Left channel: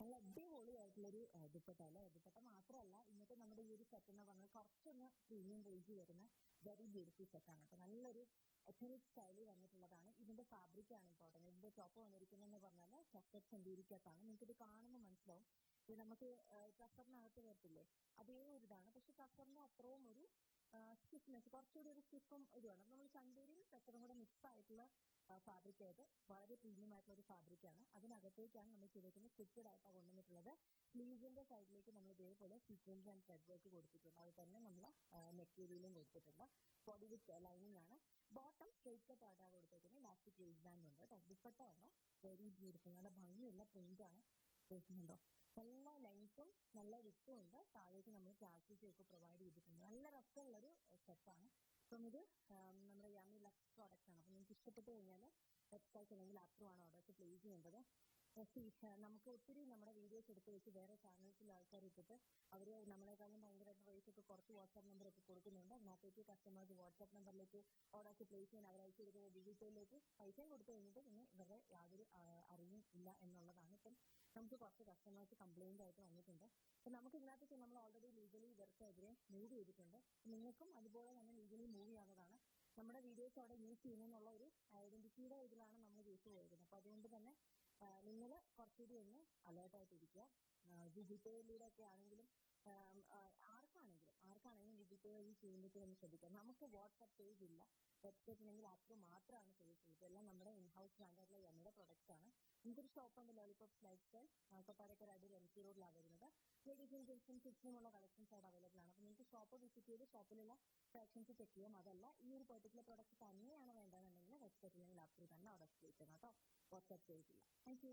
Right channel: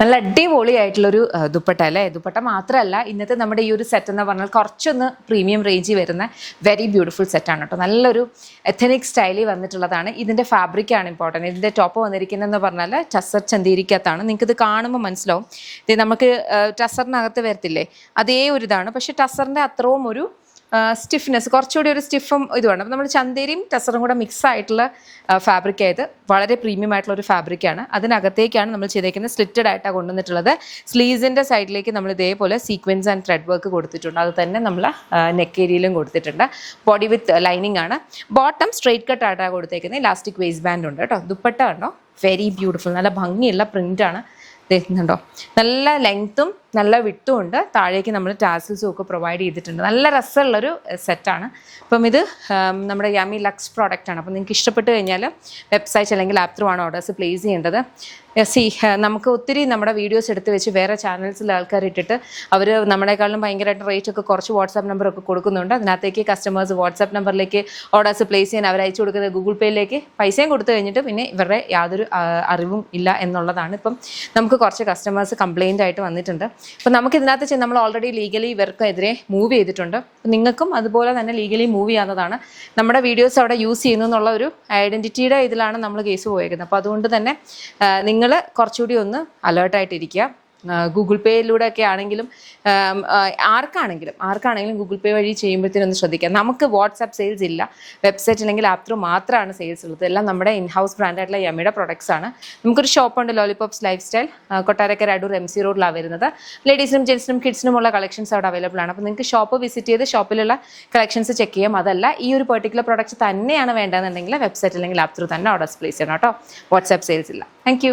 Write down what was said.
നല്ല അടിപൊളിയായിട്ടുള്ളൊരു ദുപ്പട്ട അല്ലേ. ദുപ്പട്ട മാത്രമല്ല, ഇന്നത്തെ നമ്മുടെ ഈ ഒരു സെറ്റ് എന്ന് പറഞ്ഞാൽ കുറച്ചൊന്ന് പ്രീമിയം റേഞ്ചിൽ വരുന്ന വെരി ബ്യൂട്ടിഫുൾ സെറ്റാണ് കേട്ടോ. നല്ലൊരു എഥനിക് സ്റ്റൈലിൽ വന്നിട്ടുള്ളതാണ്. ഇതിൻ്റെ ഫാബ്രിക്കാണ് ഇമ്പോർട്ടൻറ്റ്. ഇതിൻ്റെ ടോപ്പ് വന്നിരിക്കുന്നതെന്ന് പറഞ്ഞാൽ ടസർ ചന്തീരിക്കകത്താണ്. നിങ്ങൾക്കിത് കാണുമ്പോൾ മനസ്സിലാവും. ഇത് നമുക്ക് ടസറിനകത്ത് വരത്തില്ലേ, അതേ ഒരു ഇതാണ്. പക്ഷേ ടസറിൻ്റെ അത്രയും ഒരു സ്റ്റിഫ്നെസ്, കുറച്ചുകൂടി ഒരു സ്റ്റിഫും ഇതുമാണ്. അപ്പോൾ നമ്മൾ ചന്തേരിയും ടസറും കൂടെ മിക്സ് ആയിട്ടുള്ള ഫാബ്രിക് ആയത് വളരെ പ്രീമിയം ആയിട്ടുള്ള ഒരു ഫാബ്രിക്കാണ്. അതിനകത്തേക്കാണ് നമ്മൾ ചെയ്തേക്കുന്നത്. സ്ലിറ്റഡ് ആയിട്ടാണ് കൊണ്ടുവന്നിട്ടുള്ളത്. സ്ലീവ്സിൻ്റെ സൈഡിലേക്ക് നമ്മൾ ഇതേപോലെ സീക്വൻസ് ആൻഡ് ത്രെഡ് വർക്ക് കൊടുത്തിട്ടുണ്ട്. അത് തന്നെ നമ്മൾ നെക്ക് ഏരിയയിലും കൊടുത്തിട്ടുണ്ട്. ബോഡി വിത്ത് ലൈനിങ് ആണ്. ബോട്ടം സ്ട്രെയിറ്റ് കട്ട് ആയിട്ടാണ് കൊടുത്തേക്കുന്നത്. ഇലാസ്റ്റിക് വേസ്റ്റ് ബാൻഡ് ഉണ്ട് കേട്ടോ. ദുപ്പട്ട കണ്ടോ, വെരി ബ്യൂട്ടിഫുൾ, നല്ല ഭംഗിയുള്ള പ്രിൻ്റാണ്. ദേഹുന്നുണ്ടോ, നല്ല ലെങ്ത്തും നല്ല വിട്ടും ഉണ്ട്. താഴേക്ക് നമ്മൾ ടാസിൽസും ഒക്കെ പ്രൊവൈഡ് ചെയ്തിട്ടുണ്ട്. നല്ല രസമുള്ളൊരു സെറ്റാണ്. അപ്പം ഇത് നമ്മുടെ യമി ലക്സ് പ്രോഡക്റ്റാണ്. അപ്പം നിങ്ങൾക്ക് ഇഷ്ടപ്പെട്ട് കഴിഞ്ഞാൽ വെബ്സൈറ്റ് അല്ലെങ്കിൽ ആപ്പ് ത്രൂ ആണ് ഓർഡേഴ്സ് പ്ലേസ് ചെയ്യേണ്ടത്. നമുക്ക് ഒത്തിരി നമ്മുടെ വീഡിയോസ് എടുത്ത് വെച്ച് വേറെ ചാനൽസിൽ ആൾക്കാർ ഇട്ടിട്ട് അവർ നമ്മളെക്കാളും ഭയങ്കരമായിട്ട് റേറ്റ് ഒക്കെ കുറച്ച് വാട്സാപ്പ് നമ്പറൊക്കെ കൊടുക്കുന്നുണ്ട്. അതിനകത്തേക്ക് കസ്റ്റമേഴ്സ് വാട്സാപ്പ് നമ്പറിലേക്ക് ഓർഡേഴ്സ് പ്ലേസ് ചെയ്യാൻ അവർ അയച്ചു കൊടുക്കുന്നത് ഗൂഗിൾ പേയിലേക്ക് പൈസയും കൊടുത്തു കഴിഞ്ഞിട്ട് പിന്നെ ഇവരുടെ യാതൊരു അറിവും ഇല്ല എന്നുള്ളതാണ്. ഇപ്പം നമുക്ക് കുറച്ച് കസ്റ്റമേഴ്സ് കംപ്ലയിൻ്റ് ആയിട്ട് വന്നിട്ടുണ്ട്. അപ്പം നമുക്ക് ഇതിനകത്ത് നമ്മൾ ഓൾറെഡി ലീഗലി ഇവർക്കെതിരെ മൂവ് ചെയ്തിട്ടുണ്ട്. നിങ്ങൾക്കും അതുപോലെ തന്നെ ലീഗലി മൂവ് ചെയ്യാവുന്നതാണ്. നമ്മുടെ വീഡിയോസ് അവിടെ യൂസ് ചെയ്യുന്നു എന്നുള്ള ഒരു ഐഡൻറ്റിറ്റിയുടെ ഇതിലാണ് നമ്മൾ കേസ് പോയേക്കുന്നത്. അപ്പോൾ അതുകൊണ്ട് തന്നെ നിങ്ങൾ കുറച്ചുകൂടി ഒന്ന് അലേർട്ടായിട്ടിരിക്കുക. ഗൂഗിൾ പേയിലൂടെ ഒക്കെ ആണെങ്കിലും ആർക്കാണെങ്കിലും ഗൂഗിൾ പേ വഴി ചെയ്യുമ്പോഴത്തേനൊന്ന് ശ്രദ്ധിക്കാം. നമുക്ക് വാട്സാപ്പ് സെയിൽസ് ഇല്ല. വെബ്സൈറ്റ് അല്ലെങ്കിൽ ആപ്പ് ത്രൂ മാത്രമാണ് സെയിൽസ് ഉള്ളത്. എല്ലാം നമ്മുടെ ഇൻഹൗസ് ബ്രാൻഡായിട്ടുള്ള യമിയുടെ പ്രൊഡക്ട്സ് ആണ്. നമുക്കൊരു ഷോപ്പുണ്ട്, lollipops life style, Kottarakkara Adoor MC റോഡിലാണ് വരുന്നത്. ലേഡീസിനും ജെൻസിനും കിഡ്സിനുമുള്ള കളക്ഷൻസ് അവിടെ അവൈലബിൾ ആണ്. അപ്പോൾ നിങ്ങൾക്ക് ഷോപ്പ് വിസിറ്റ് ചെയ്ത് ഷോപ്പിലുള്ള കളക്ഷൻസ് ചെക്ക് ചെയ്യാം. അതല്ല ഈ ഒരു പെർട്ടിക്കുലർ പ്രൊഡക്റ്റ് തന്നെയാണ് വേണ്ടതെന്നുണ്ടെങ്കിൽ വെബ്സൈറ്റ് അല്ലെങ്കിൽ ആപ്പ് ത്രൂ തന്നെ ഓർഡേഴ്സ് പ്ലേസ് ചെയ്യണം കേട്ടോ. വാട്സാപ്പ് സെയിൽസ് ഇല്ല. താങ്ക്